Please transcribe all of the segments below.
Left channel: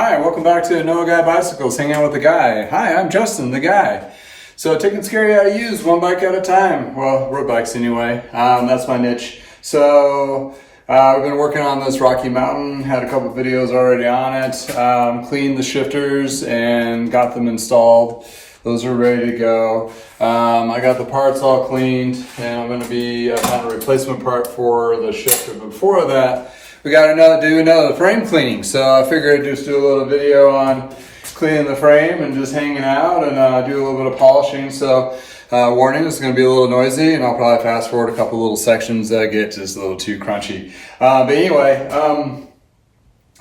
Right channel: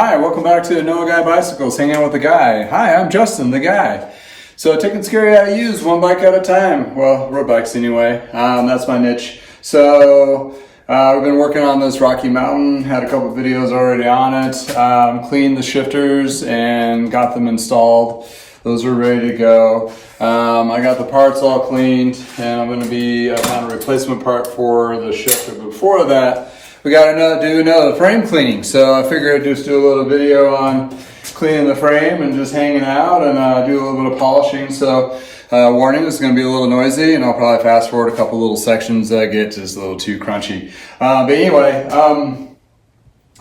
Hi, welcome back to Know a Guy Bicycles, hanging out with the guy. Hi, I'm Justin, the guy. So taking scary how to use one bike at a time. Well, road bikes anyway. That's my niche. So we've been working on this Rocky Mountain, had a couple videos already on it. Cleaned the shifters and got them installed. Those are ready to go. I got the parts all cleaned and I'm gonna be on a replacement part for the shifter. Before that, we got to do another frame cleaning. So I figured I'd just do a little video on cleaning the frame and just hanging out and do a little bit of polishing. So warning, this is going to be a little noisy and I'll probably fast forward a couple little sections that get just a little too crunchy. But anyway,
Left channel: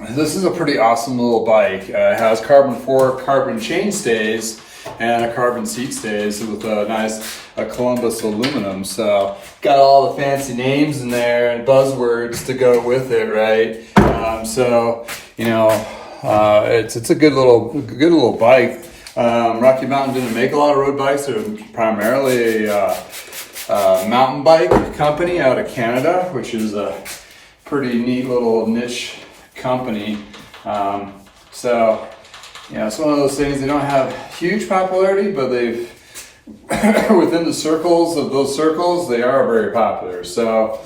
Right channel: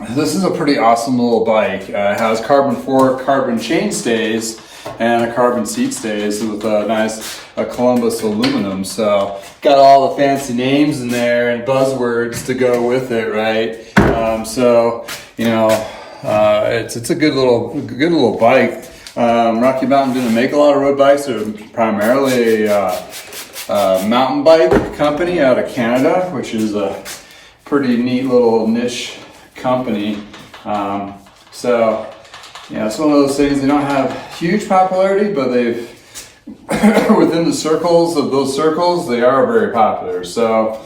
this is a pretty awesome little bike. It has carbon fork, carbon chain stays, and a carbon seat stays with a nice Columbus aluminum. So got all the fancy names in there and buzzwords to go with it, right? So you know, it's a good little bike. Rocky Mountain didn't make a lot of road bikes. They're primarily a mountain bike company out of Canada, which is a pretty neat little niche company. So yeah, it's one of those things. They don't have huge popularity, but they've within the circles of those circles, they are very popular. So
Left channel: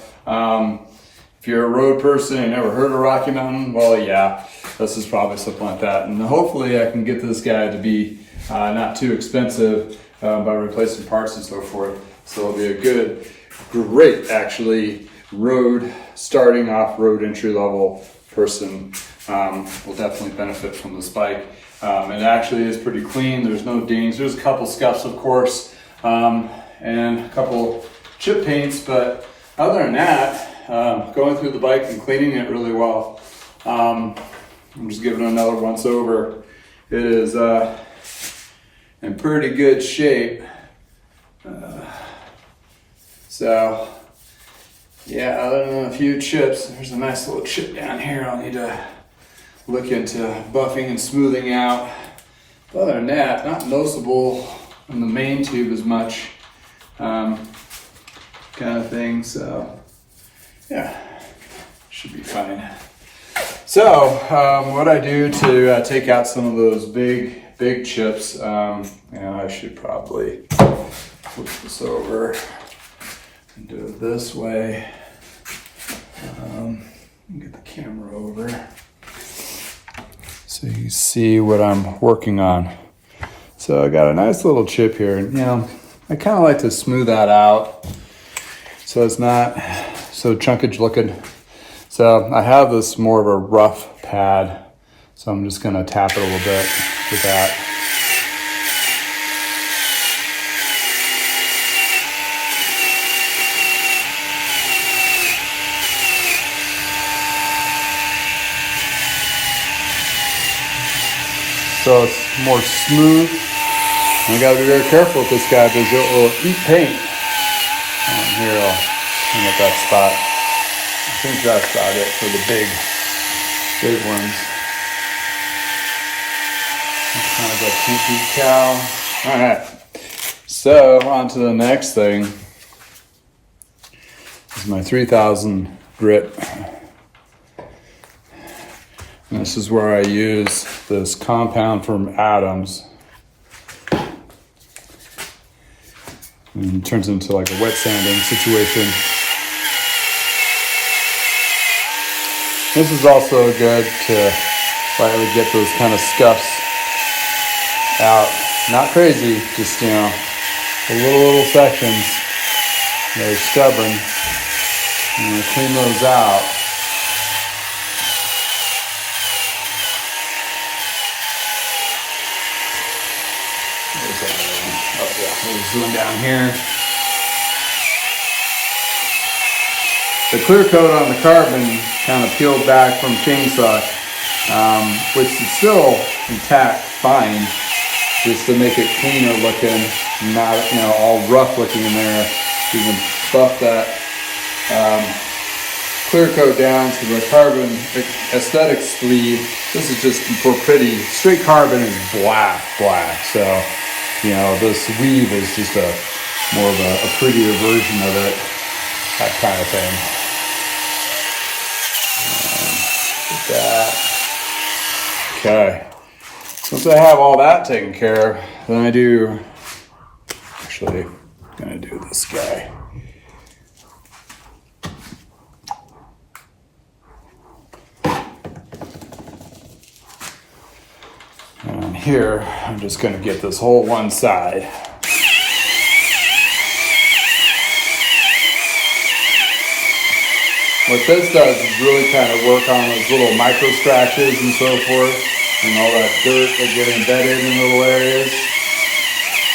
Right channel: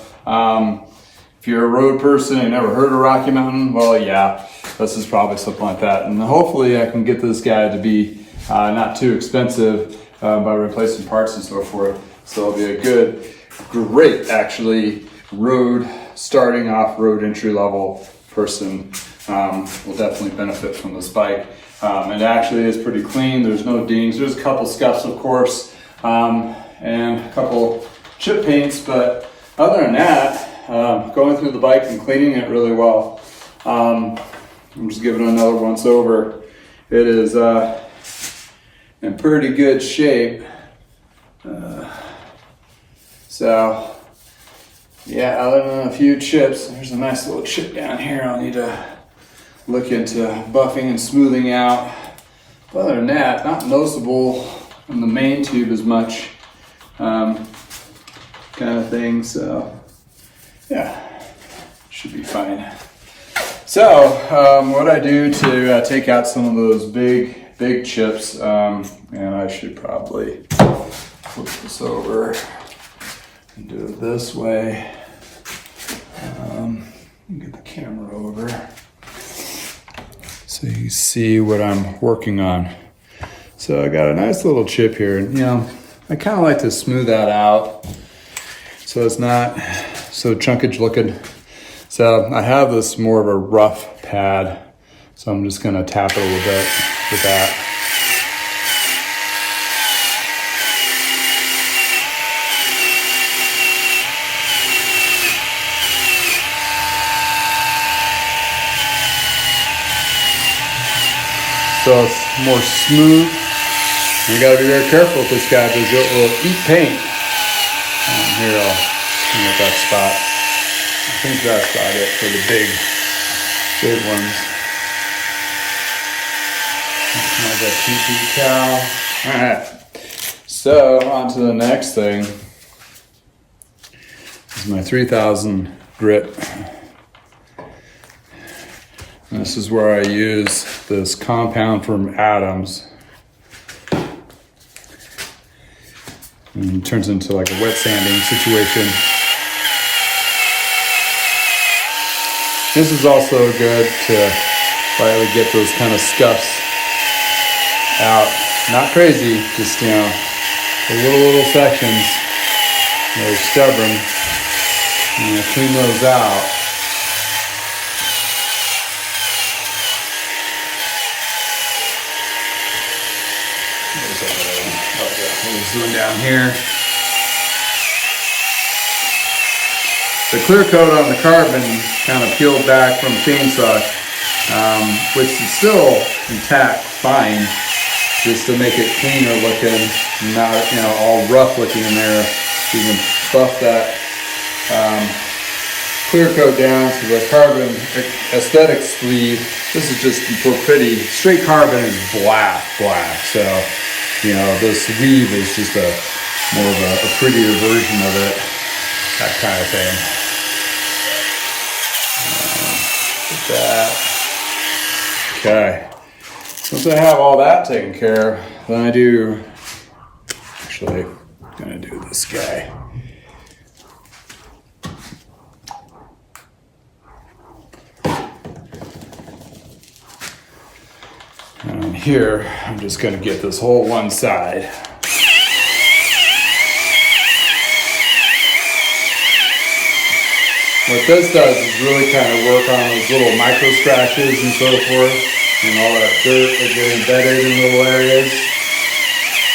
if you're a road person and never heard of Rocky Mountain, well, yeah, this is probably something like that. And hopefully I can get this guy to be not too expensive by replacing parts and so forth. So it'll be a great actually starting off road entry level person will definitely benefit from this bike. It actually is pretty clean. There's no dings. There's a couple scuffs, of course, and a couple chip paints, but other than that, going through the bike and cleaning it really well. I'm just giving it another once over. It is in pretty good shape. So yeah, other than a few chips, there's a nice little chip down here I'll need to look into buffing and smoothing out. But other than that, not noticeable on the main tube as much, kind of thing. So yeah, should be fine. So what I do to take out some of those big chips, and I should probably flip this over and do it this way. Get the camera over so you see what I'm working on. So I got a nice little chip here, and you know, I kind of like to smooth that out so it's not so chunkage looking. So I have this more of a rough pad, so I'm just gonna tap it a little bit with that. So it's more smooth. And you gotta be very careful with this guy because it will eat paint. Here, I'll clean up that spot. I think that's about it for the big ones. Kind of a pinky cow. All right. So on to the next thing. This is my 3000 grit. And this is where I use this compound from Adams. And it turns into like a wet sanding situation. This is also good to lightly get those kind of scuffs out. Not crazy, just, you know, the little sections. They're stubborn. And clean those out. Zoom down here. The clear coat on the carbon kind of peeled back from chainsaw, which is still intact, fine, just to make it cleaner looking, not, you know, all rough looking in there. You can buff that clear coat down to the carbon aesthetic sleeve. This is just for pretty. Straight carbon is black. So, you know, this weave is just more of a prettier version of it, that kind of thing. Put that Okay. Once I have all that taken care of, then I do, actually, I'm gonna do this guy. And here, I'm just gonna get this whole one side. What this does is really kind of work on those little micro scratches and so forth, and all that dirt that get embedded in little areas.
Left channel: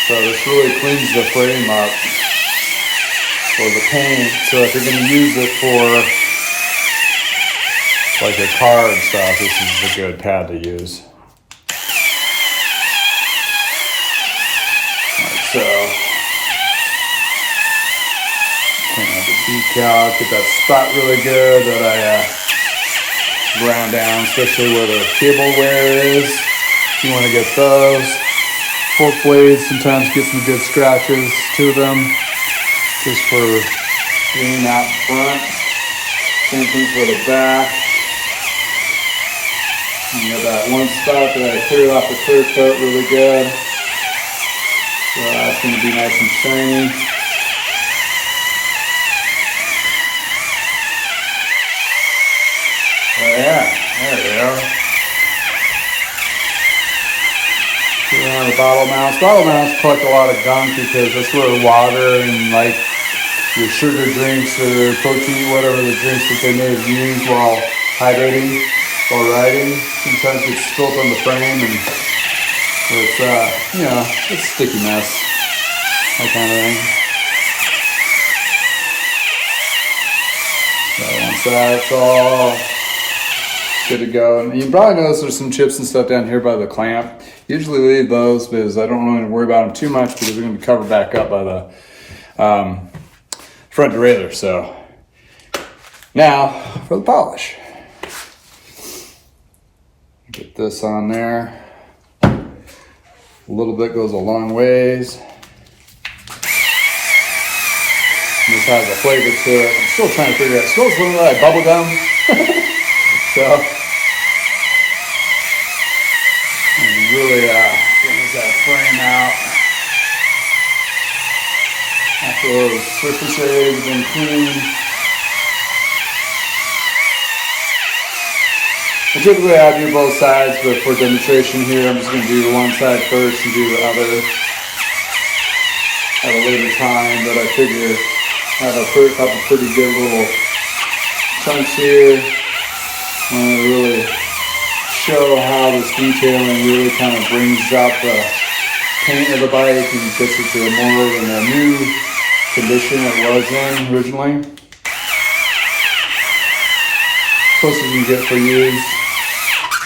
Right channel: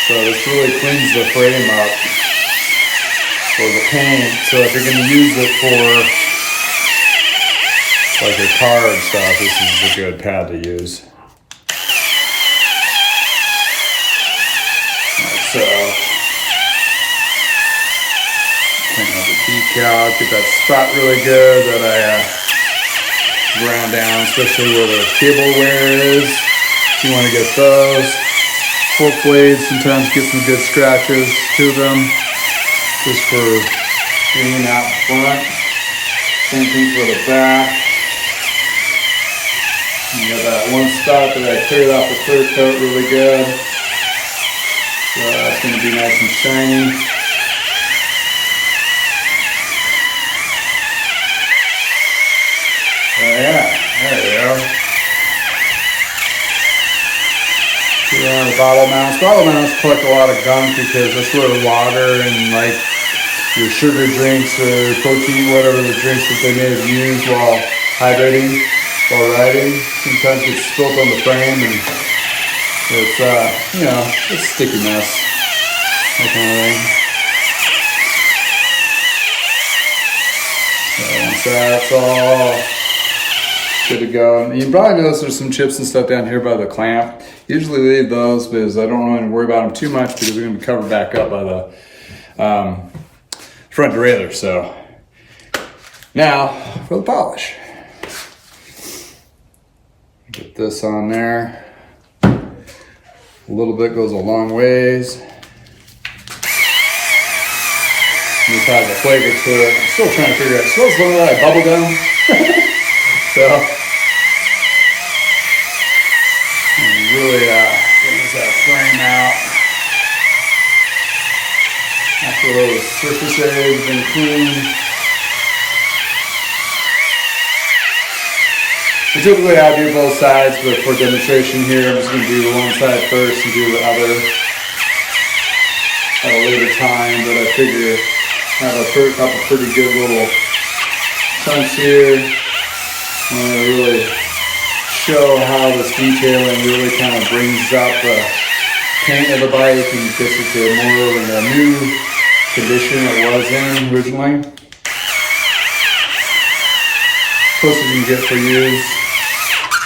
So this really cleans the frame up for the paint. So if you're going to use it for like your car and stuff, this is a good pad to use. Like so. Clean up the decal, get that spot really good that I ground down, especially where the cable wear is. You want to get those. Fork blades sometimes get some good scratches to them, just for cleaning out front. Same thing for the back. You got that one spot that I cleared off the clear coat really good. So that's going to be nice and shiny. Yeah, there we go. The bottle mounts. Bottle mounts collect a lot of gunk because that's where water and like your sugar drinks or protein, whatever the drinks that they may have used while hydrating, while riding, sometimes gets spilt on the frame and it's, you know, it's a sticky mess, that kind of thing. So once that's all good to go. And you probably notice there's some chips and stuff down here by the clamp. Usually leave those because I don't want to worry about them too much because they're going to be covered back up by the front derailleur. So now for the polish. Get this on there. A little bit goes a long ways. This has a flavor to it. I'm still trying to figure out. It smells a little like bubble gum. So really getting that frame out. After those surface areas have been cleaned. I typically I do both sides, but for demonstration here, I'm just going to do one side first and do the other at a later time. But I figure I have a couple pretty good little chunks here. I'm going to really show how this detailing really kind of brings up the paint of the bike and gets it to more of a new condition it was in originally. Close as you can get for use.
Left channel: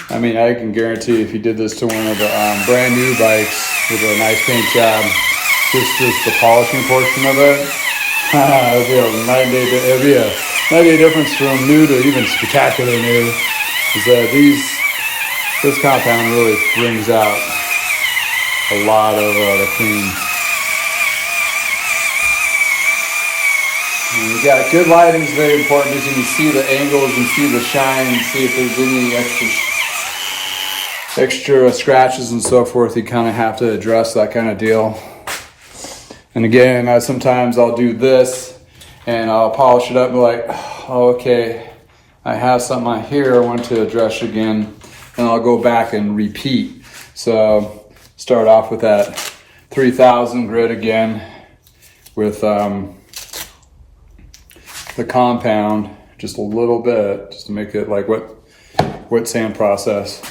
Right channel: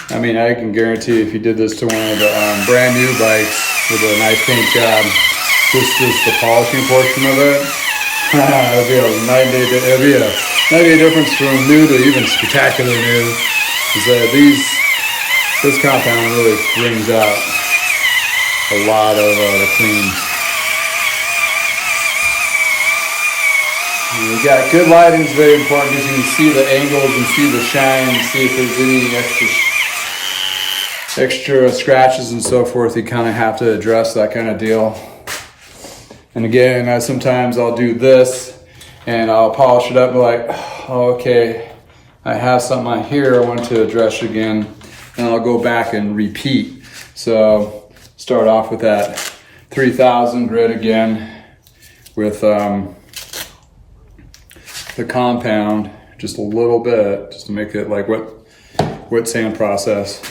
I mean, I can guarantee if you did this to one of the brand new bikes with a nice paint job, just the polishing portion of it, it'll be a night and day difference from new to even spectacular new. Is that this compound really brings out a lot of the clean. And you got good lighting is very important because you can see the angles and see the shine and see if there's any extra scratches and so forth. You kind of have to address that kind of deal. And again, sometimes I'll do this and I'll polish it up and be like, oh, okay, I have something on here I want to address again. And I'll go back and repeat. So start off with that 3000 grit again with the compound, just a little bit, just to make it like wet sand process.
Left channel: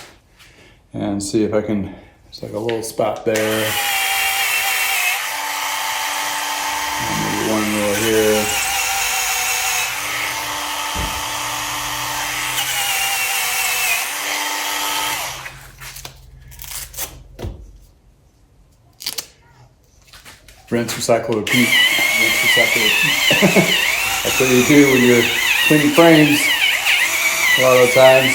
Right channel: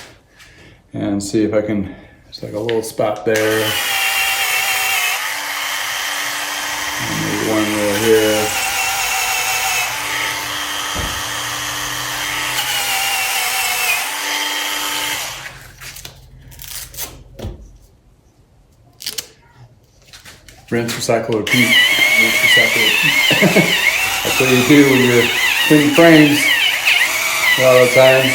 And see if I can, just like a little spot there. And maybe one little here. Rinse, recycle, repeat. Rinse, recycle, repeat. That's what you do when you're cleaning frames a lot of the times.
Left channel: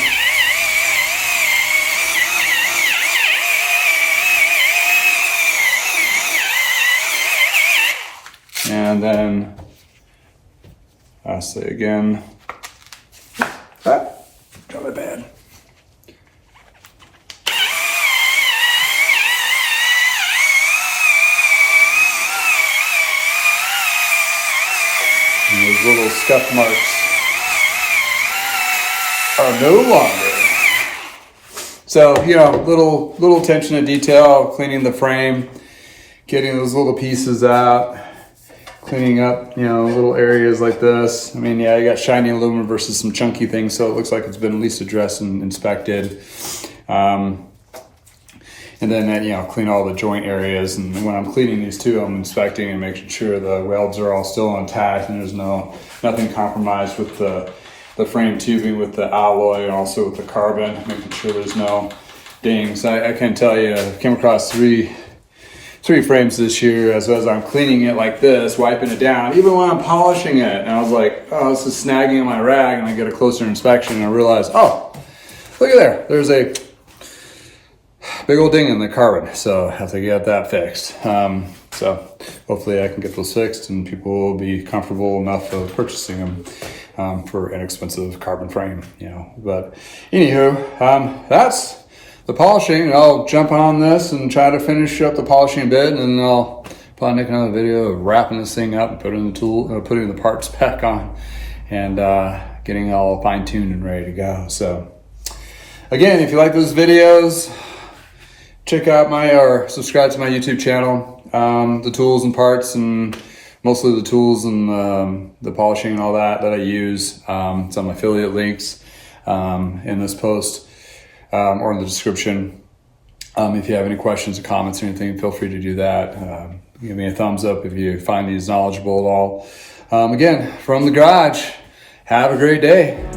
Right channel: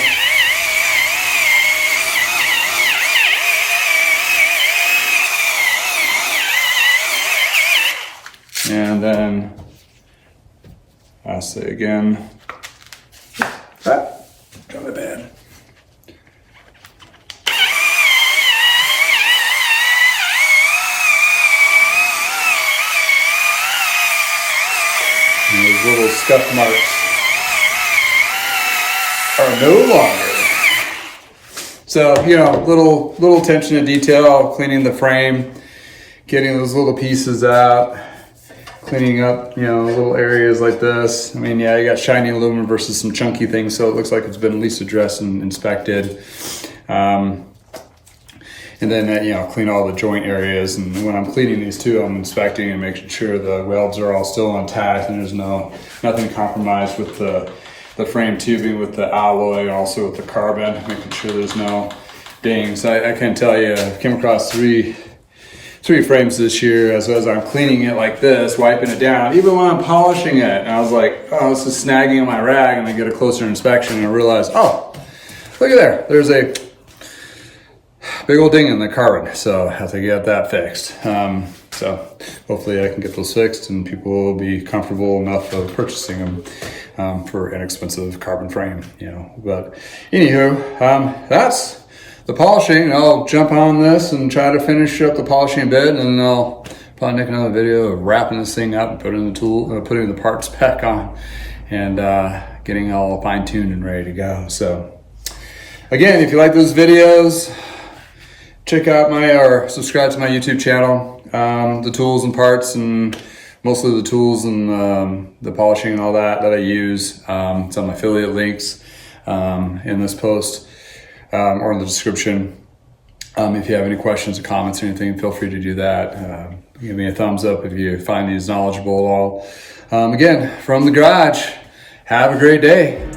And then, lastly again, got my bad. scuff marks are no longer. So, you know, little attention to detail, cleaning the frame, getting those little pieces out, cleaning up, you know, little areas like this. I mean, yeah, you got shiny aluminum versus some chunky things, so it looks like it's been at least addressed and inspected. And then, you know, clean all the joint areas. And when I'm cleaning these too, I'm inspecting and making sure the welds are all still intact and there's nothing compromised with the frame tubing, with the alloy, and also with the carbon, making sure there's no dings. I can tell you, I came across three frames this year as I'm cleaning it like this, wiping it down, even when I'm polishing it. And I was like, oh, this is snagging on my rag. And I get a closer inspection and I realize, oh, look at there. There's a big old ding in the carbon. So I have to get that fixed. So hopefully I can get those fixed and people will be comfortable enough of purchasing them for inexpensive carbon frame, you know. But anywho, that's the polishing. I'll jump on this and try to finish up the polishing bit, and then I'll probably make another video of wrapping this thing up and putting the parts back on, and getting all fine-tuned and ready to go. So again, if you like those videos, check out or subscribe to my YouTube channel. The tools and parts, and mostly the tools and the polishing and all that I use. Some affiliate links in this post or in the description. If you have any questions or comments or anything, feel free to do that. Give me a thumbs up if you find these knowledgeable at all. Again, from the garage, have a great day.